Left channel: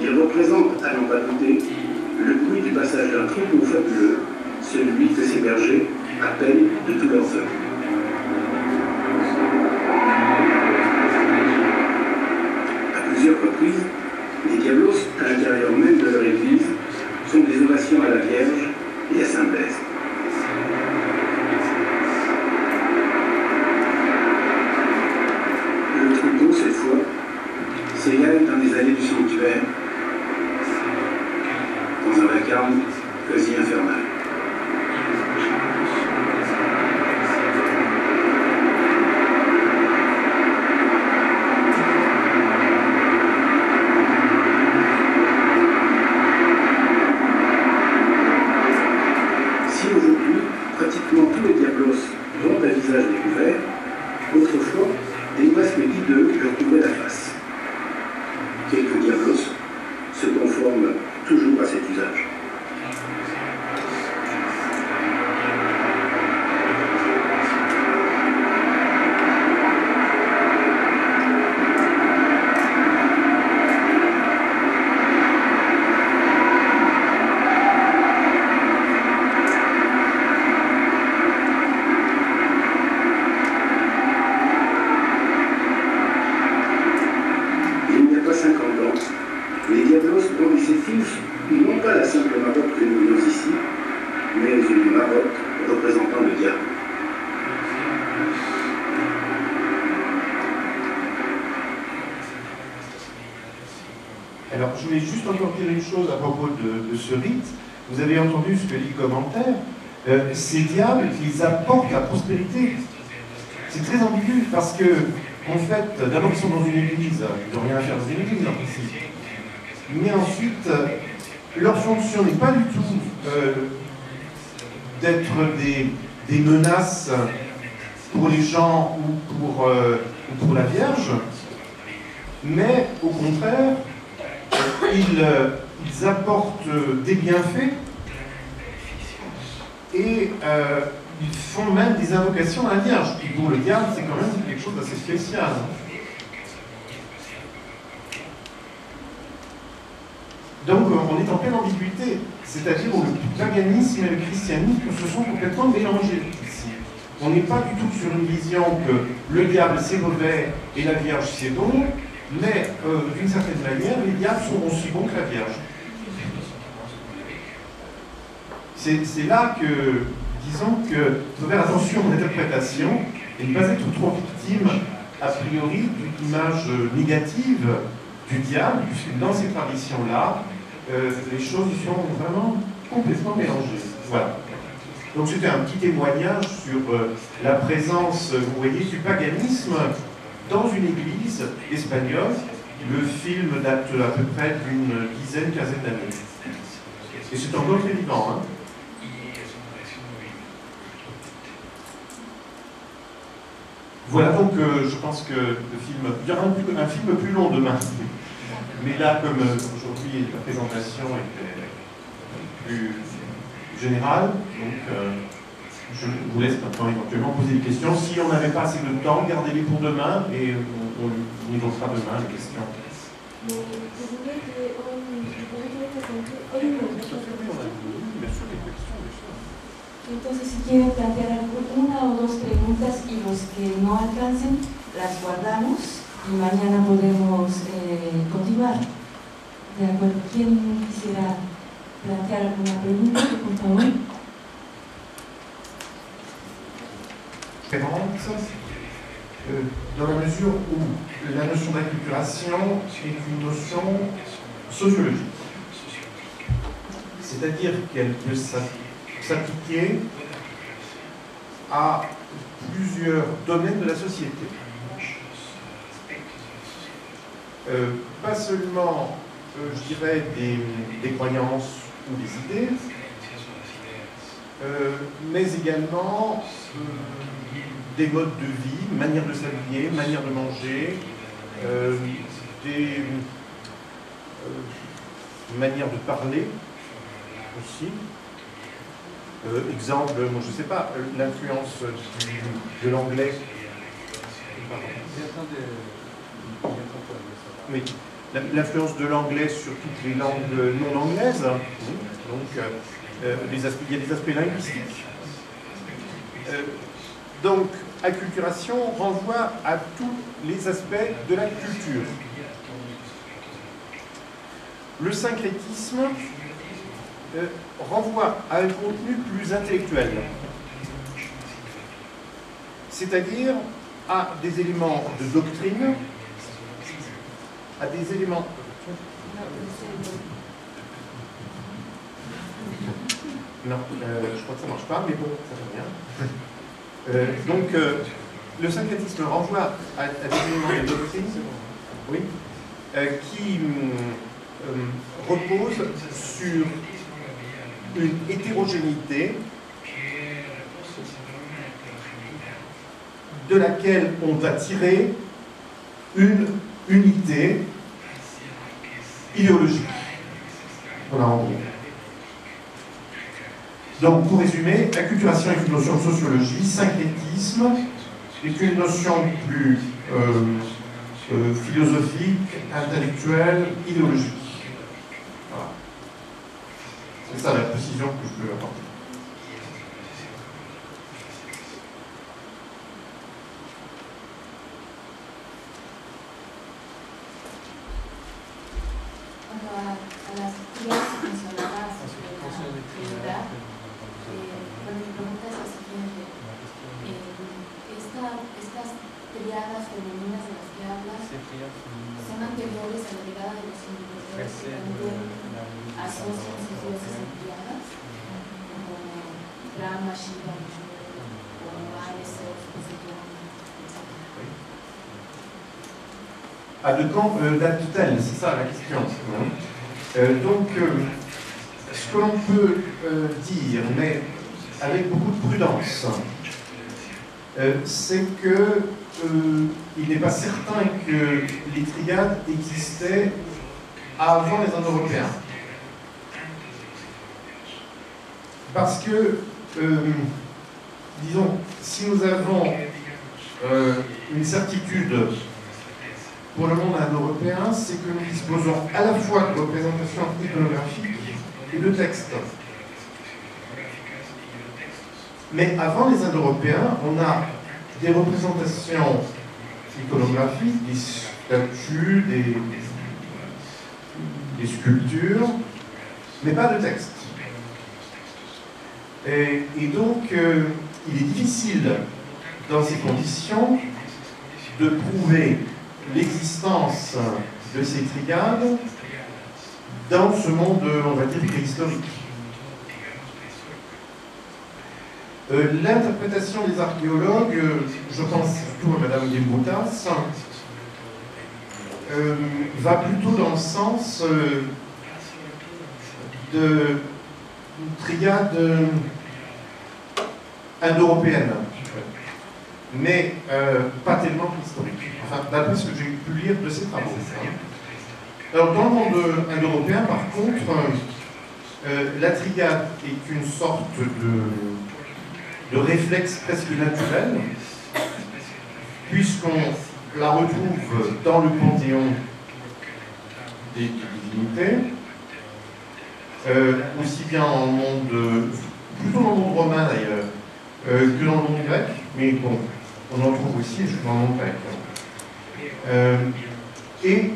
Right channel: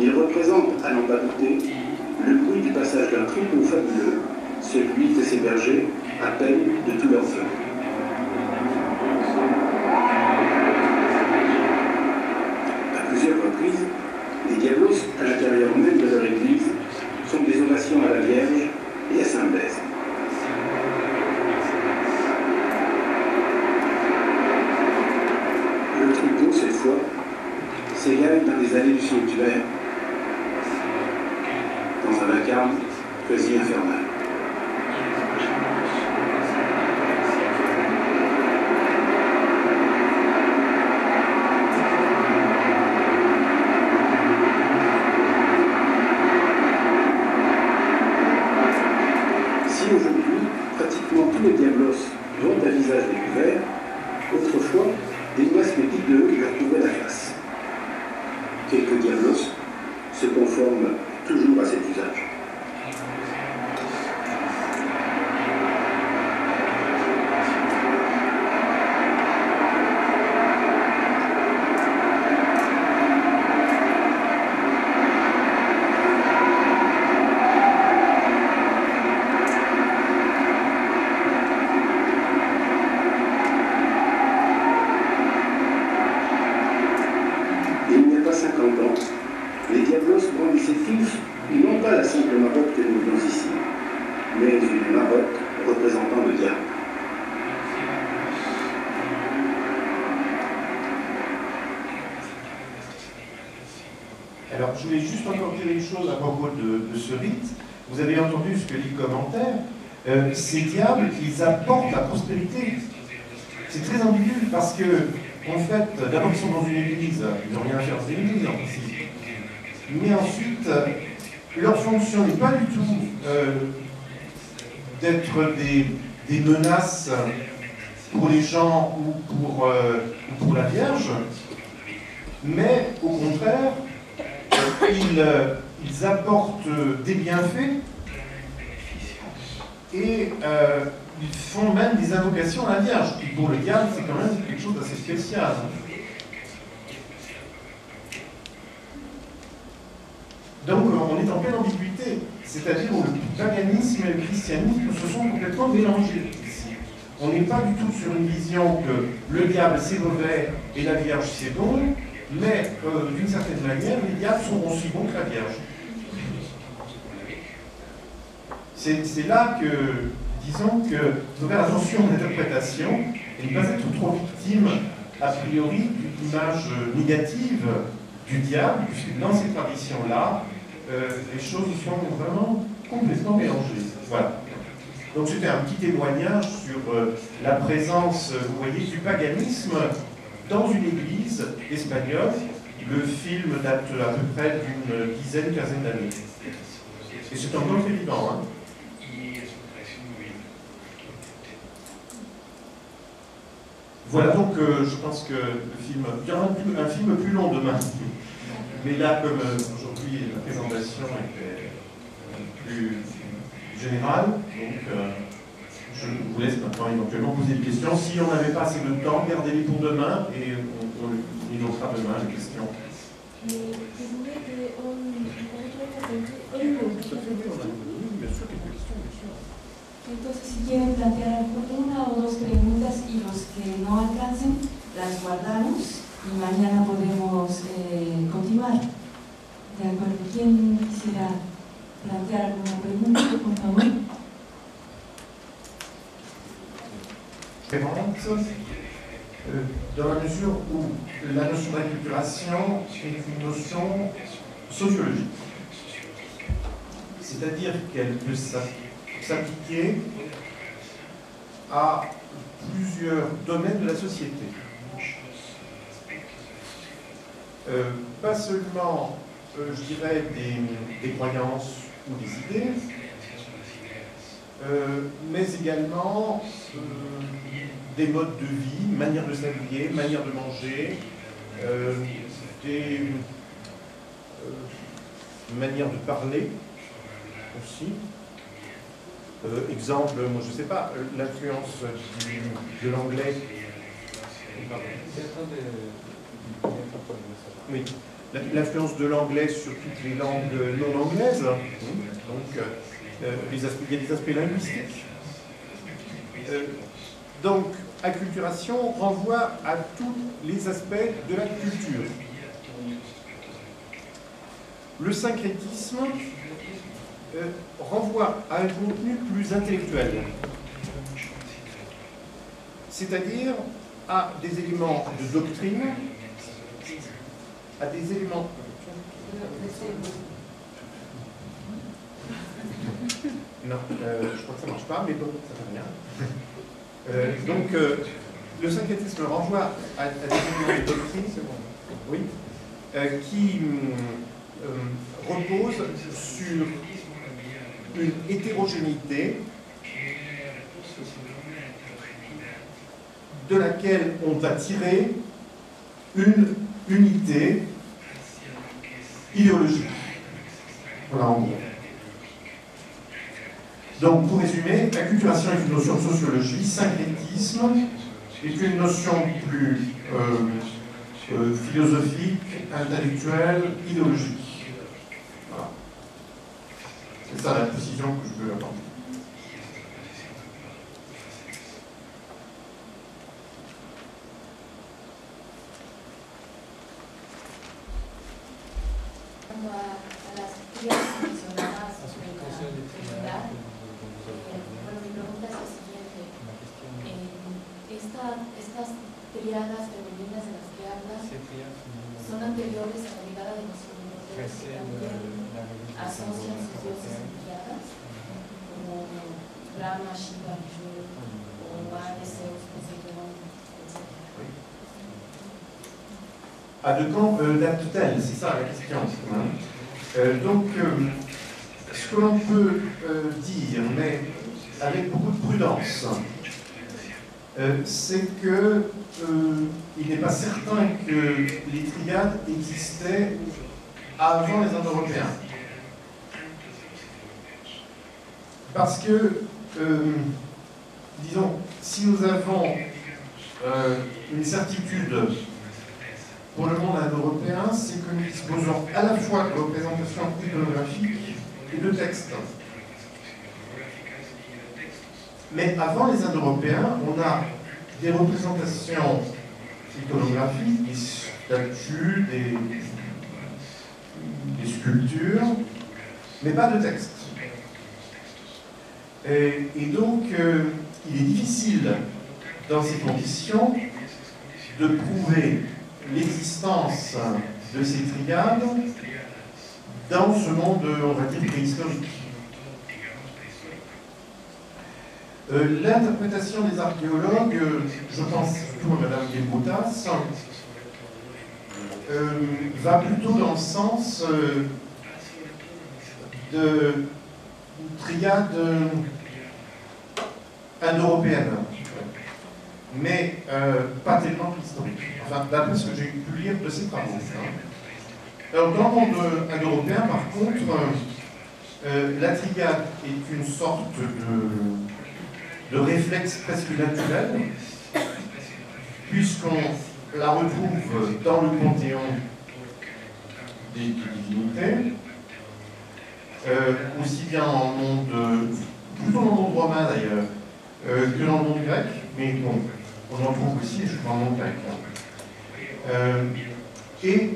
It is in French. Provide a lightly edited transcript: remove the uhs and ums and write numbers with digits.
Il représente, à n'en pas douter, le bruit du passage d'un troupeau fabuleux, celui que ces bergers appellent de tout leur feu. À plusieurs reprises, les diablos, à l'intérieur même de leur église, font des ovations à la Vierge et à Saint-Blaise. Le troupeau, cette fois, s'égale dans les allées du sanctuaire, dans un vacarme quasi infernal. Si aujourd'hui, pratiquement tous les diablos vont à visage découvert, autrefois, des masques hideux leur couvraient la face. Quelques diablos se conforment toujours à cet usage. Les diablos brandissaient tous, non pas la simple marotte que nous voyons ici, mais une marotte représentant le diable. Alors, je voulais juste encore dire une chose à propos de ce rite. Vous avez entendu ce que dit le commentaire. Ces diables, ils apportent la prospérité. C'est très ambigu parce que, en fait, d'abord, ils sont dans une église. Ils n'ont rien à faire dans une église, en principe. Mais ensuite, leur fonction n'est pas du tout d'être des menaces pour les gens ou pour la Vierge, mais au contraire, ils apportent des bienfaits et ils font même des invocations à la Vierge. Et pour le diable, c'est quand même quelque chose d'assez spécial. Donc on est en pleine ambiguïté, c'est-à-dire où le paganisme et le christianisme se sont complètement mélangés ici. On n'est pas du tout sur une vision que le diable c'est mauvais et la Vierge c'est bon, mais d'une certaine manière, les diables sont aussi bons que la Vierge. C'est là que, disons que, il faut faire attention à l'interprétation et ne pas être trop victime, a priori, d'une image négative du diable, puisque dans ces traditions-là, les choses sont vraiment complètement mélangées. Voilà. Donc c'était un petit témoignage sur la présence, vous voyez, du paganisme dans une église espagnole. Le film date à peu près d'une dizaine, quinzaine d'années. Et c'est encore très vivant. Hein. Voilà, donc je pense que le film... Il y aura un film plus long demain. Mais là, comme aujourd'hui la présentation était plus générale, donc je vous laisse maintenant éventuellement poser des questions. Si on n'avait pas assez de temps, gardez-les pour demain et on évoquera demain les questions. Mais vous voulez que hoy Bien sûr, quelques questions, bien sûr. Entonces, si quieren plantear una o dos preguntas y los que no alcancen, las guardamos y mañana podemos continuar. ¿De acuerdo? ¿Quién quisiera plantear alguna pregunta, por favor? Dans la mesure où la notion d'acculturation est une notion sociologique. C'est-à-dire qu'elle peut s'appliquer à plusieurs domaines de la société. Pas seulement, je dirais, des croyances ou des idées, mais également des modes de vie, manière de s'habiller, manière de manger, des manières de parler aussi. Exemple, moi je ne sais pas, l'influence de l'anglais. Oui. l'influence de l'anglais sur toutes les langues non anglaises. Donc, il y a des aspects linguistiques. Donc, acculturation renvoie à tous les aspects de la culture. Le syncrétisme renvoie à un contenu plus intellectuel, c'est-à-dire à des éléments de doctrine, à des éléments... Non, je crois que ça ne marche pas, mais bon, ça fait rien. Donc, le syncrétisme renvoie à des éléments de doctrine, oui, qui reposent sur une hétérogénéité de laquelle on va tirer une unité idéologique. Voilà, en gros. Donc, pour résumer, acculturation est une notion de sociologie, syncrétisme est une notion plus philosophique, intellectuelle, idéologique. Voilà. C'est ça la précision que je peux apporter. A las tríadas mencionadas en la Trinidad, mi pregunta es la siguiente. Estas tríadas femeninas de las que hablas son anteriores a la llegada de los europeos que también asocian sus dioses en tríadas, como Brahma, Shiva, Vishnu, o Ares, Zeus, Poseidón, etc. À de quand date-t-elle? C'est ça la question. Donc, ce que l'on peut dire, mais avec beaucoup de prudence, c'est que il n'est pas certain que les triades existaient avant les Indo-Européens. Parce que, disons, si nous avons une certitude pour le monde indo-européen, c'est que nous disposons à la fois de représentations iconographiques et de textes. Mais avant les Indo-Européens, on a des représentations iconographiques, des statues, des sculptures, mais pas de texte. Et donc, il est difficile, dans ces conditions, de prouver l'existence de ces triades dans ce monde, on va dire, préhistorique. L'interprétation des archéologues, je pense surtout à Madame Desbroutas, va plutôt dans le sens de triade indo-européenne, mais pas tellement historique. Enfin, d'après ce que j'ai pu lire de ses travaux. Alors, dans le monde indo-européen, par contre, la triade est une sorte de réflexe presque naturel, puisqu'on la retrouve dans le panthéon des divinités, aussi bien dans le monde, plutôt dans le monde romain d'ailleurs, que dans le monde grec, mais bon, on en trouve aussi, je crois, dans le monde grec. Et